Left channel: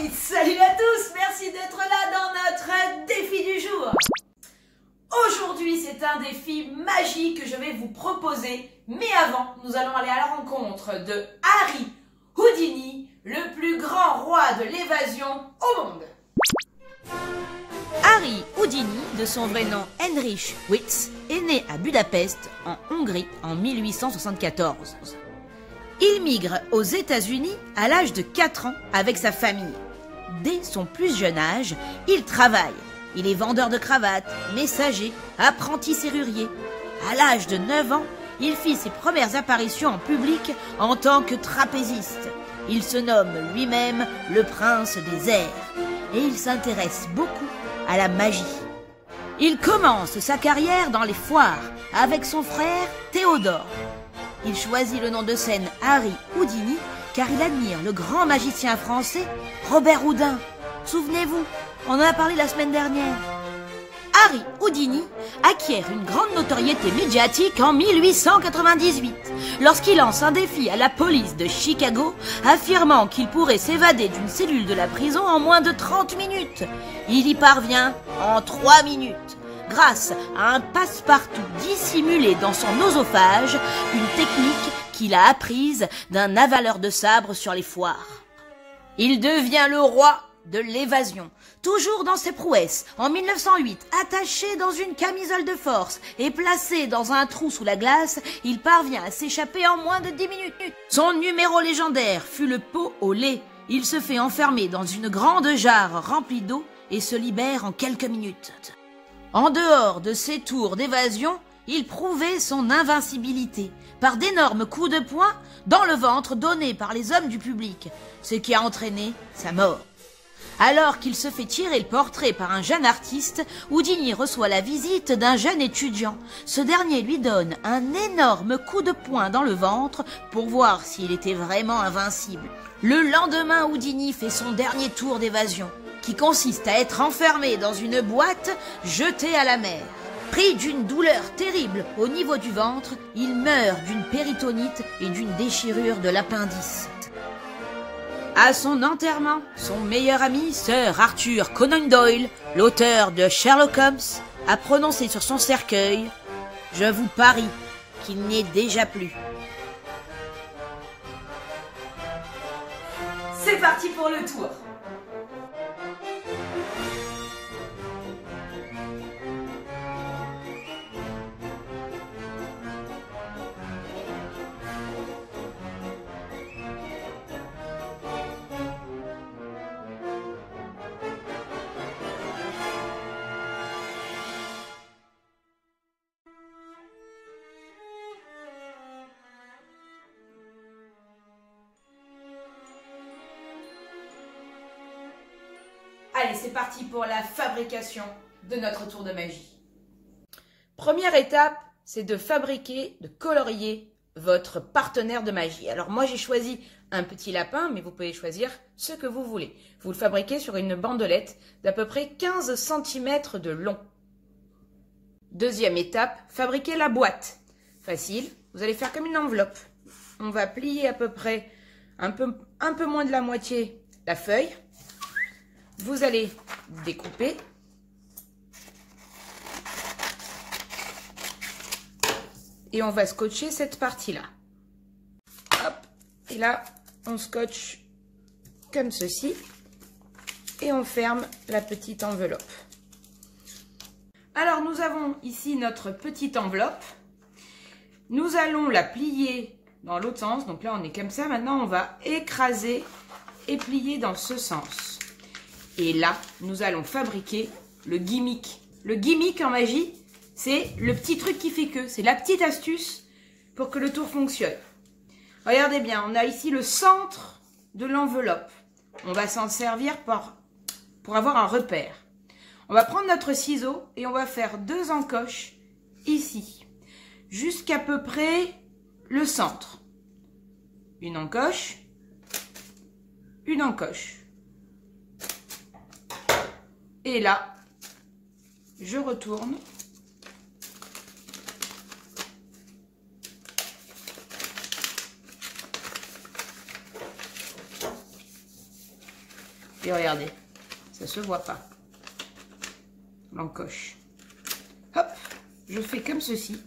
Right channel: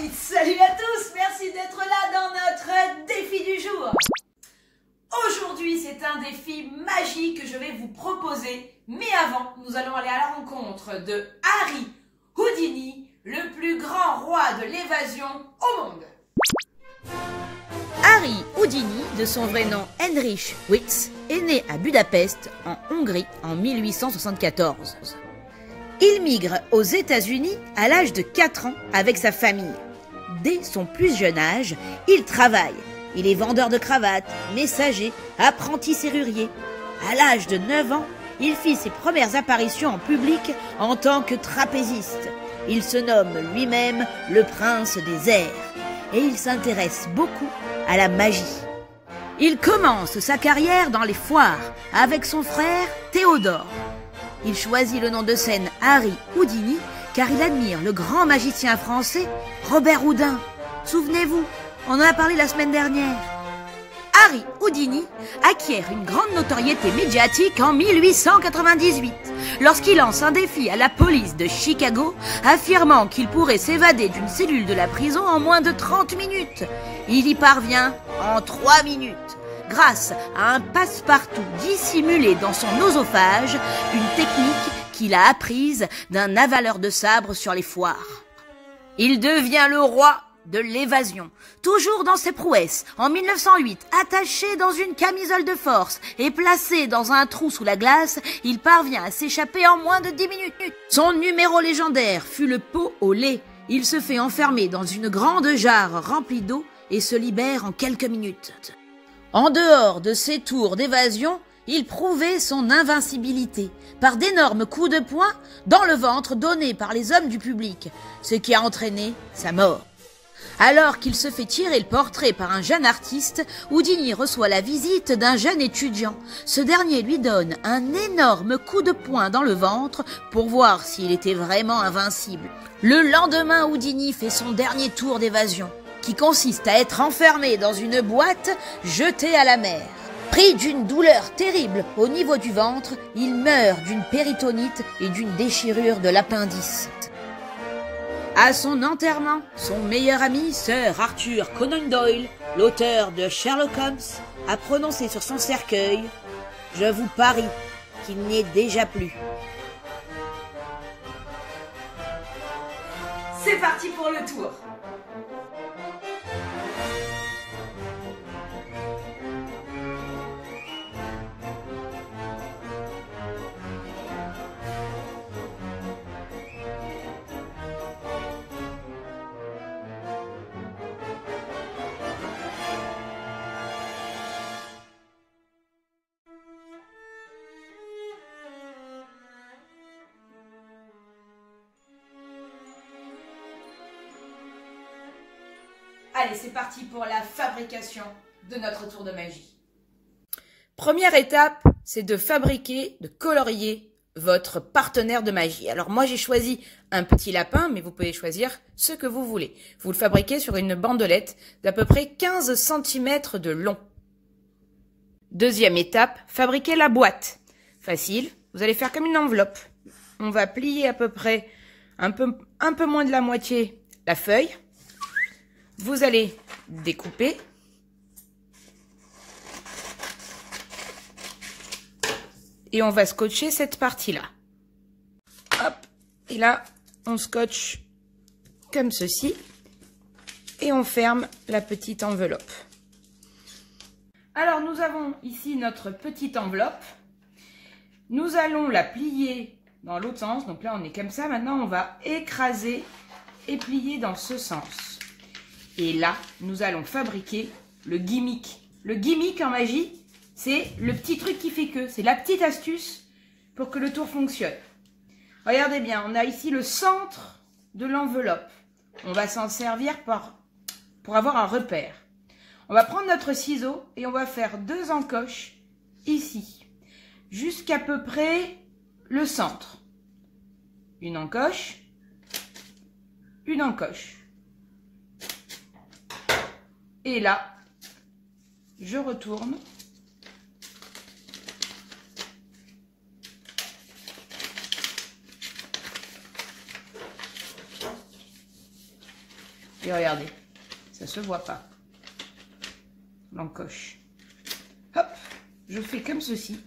Et salut à tous, merci d'être là dans notre défi du jour. Aujourd'hui, c'est un défi magique que je vais vous proposer. Mais avant, nous allons aller à la rencontre de Harry Houdini, le plus grand roi de l'évasion au monde. Harry Houdini, de son vrai nom Heinrich Witz, est né à Budapest, en Hongrie, en 1874. Il migre aux États-Unis à l'âge de 4 ans avec sa famille. Dès son plus jeune âge, il travaille. Il est vendeur de cravates, messager, apprenti serrurier. À l'âge de 9 ans, il fit ses premières apparitions en public en tant que trapéziste. Il se nomme lui-même le prince des airs et il s'intéresse beaucoup à la magie. Il commence sa carrière dans les foires avec son frère Théodore. Il choisit le nom de scène Harry Houdini car il admire le grand magicien français Robert Houdin. Souvenez-vous, on en a parlé la semaine dernière. Harry Houdini acquiert une grande notoriété médiatique en 1898 lorsqu'il lance un défi à la police de Chicago affirmant qu'il pourrait s'évader d'une cellule de la prison en moins de 30 minutes. Il y parvient en 3 minutes grâce à un passe-partout dissimulé dans son oesophage, une technique qu'il a apprise d'un avaleur de sabre sur les foires. Il devient le roi de l'évasion, toujours dans ses prouesses. En 1908, attaché dans une camisole de force et placé dans un trou sous la glace, il parvient à s'échapper en moins de 10 minutes. Son numéro légendaire fut le pot au lait. Il se fait enfermer dans une grande jarre remplie d'eau et se libère en quelques minutes. En dehors de ses tours d'évasion, il prouvait son invincibilité par d'énormes coups de poing dans le ventre donnés par les hommes du public, ce qui a entraîné sa mort. Alors qu'il se fait tirer le portrait par un jeune artiste, Houdini reçoit la visite d'un jeune étudiant. Ce dernier lui donne un énorme coup de poing dans le ventre pour voir s'il était vraiment invincible. Le lendemain, Houdini fait son dernier tour d'évasion, qui consiste à être enfermé dans une boîte jetée à la mer. Pris d'une douleur terrible au niveau du ventre, il meurt d'une péritonite et d'une déchirure de l'appendice. À son enterrement, son meilleur ami, Sir Arthur Conan Doyle, l'auteur de Sherlock Holmes, a prononcé sur son cercueil « Je vous parie qu'il n'y est déjà plus ». C'est parti pour le tour. Allez, c'est parti pour la fabrication de notre tour de magie. Première étape, c'est de fabriquer, de colorier votre partenaire de magie. Alors moi, j'ai choisi un petit lapin, mais vous pouvez choisir ce que vous voulez. Vous le fabriquez sur une bandelette d'à peu près 15 cm de long. Deuxième étape, fabriquer la boîte. Facile, vous allez faire comme une enveloppe. On va plier à peu près un peu moins de la moitié la feuille. Vous allez découper. Et on va scotcher cette partie-là. Hop. Et là, on scotche comme ceci. Et on ferme la petite enveloppe. Alors, nous avons ici notre petite enveloppe. Nous allons la plier dans l'autre sens. Donc là, on est comme ça. Maintenant, on va écraser et plier dans ce sens. Et là, nous allons fabriquer le gimmick. Le gimmick en magie, c'est le petit truc qui fait que. C'est la petite astuce pour que le tour fonctionne. Regardez bien, on a ici le centre de l'enveloppe. On va s'en servir pour avoir un repère. On va prendre notre ciseau et on va faire 2 encoches ici, jusqu'à peu près le centre. Une encoche, une encoche. Et là, je retourne. Et regardez, ça se voit pas. L'encoche. Hop, je fais comme ceci.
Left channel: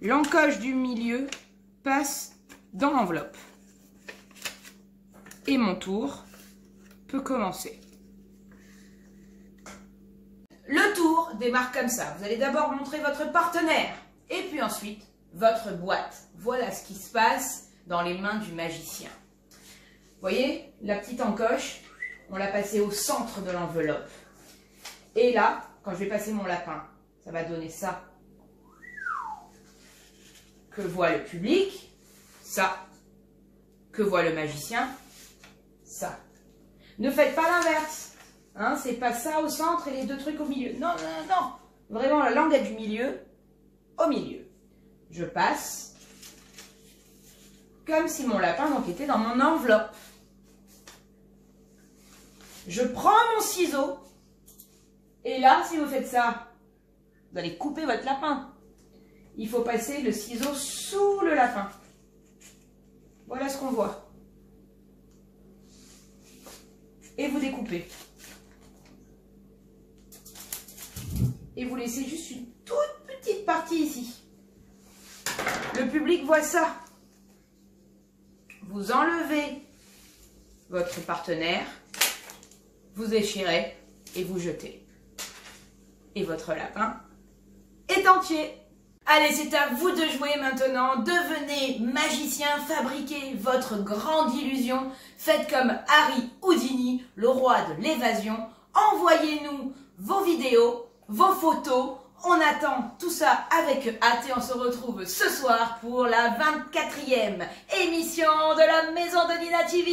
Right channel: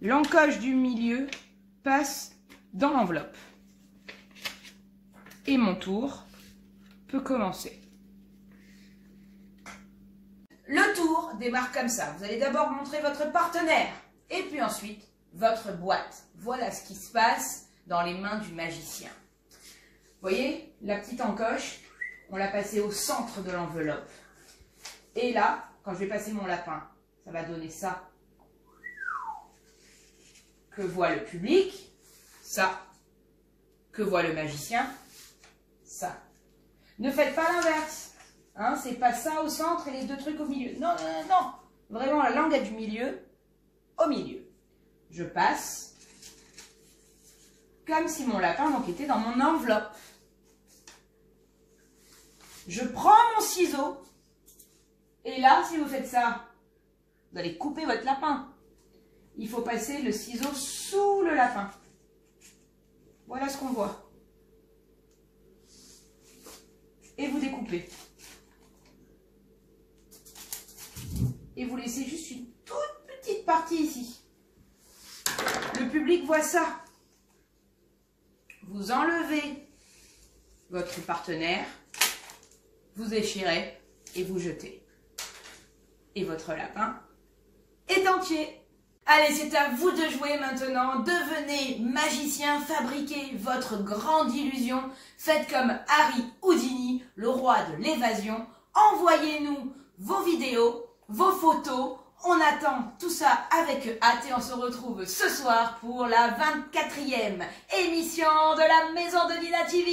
L'encoche du milieu passe dans l'enveloppe. Et mon tour peut commencer. Le tour démarre comme ça. Vous allez d'abord montrer votre partenaire et puis ensuite votre boîte. Voilà ce qui se passe dans les mains du magicien. Vous voyez, la petite encoche, on l'a passée au centre de l'enveloppe. Et là, quand je vais passer mon lapin, ça va donner ça. Que voit le public, ça. Que voit le magicien, ça. Ne faites pas l'inverse. Hein, c'est pas ça au centre et les deux trucs au milieu. Non, non, non, non. Vraiment, la langue est du milieu au milieu. Je passe comme si mon lapin donc, était dans mon enveloppe. Je prends mon ciseau et là, si vous faites ça, vous allez couper votre lapin. Il faut passer le ciseau sous le lapin. Voilà ce qu'on voit. Et vous découpez. Et vous laissez juste une toute petite partie ici. Le public voit ça. Vous enlevez votre partenaire, vous déchirez et vous jetez. Et votre lapin est entier. Allez, c'est à vous de jouer maintenant. Devenez magicien, fabriquez votre grande illusion. Faites comme Harry Houdini, le roi de l'évasion. Envoyez-nous vos vidéos, vos photos. On attend tout ça avec hâte et on se retrouve ce soir pour la 24e émission de la Maison de Nina TV.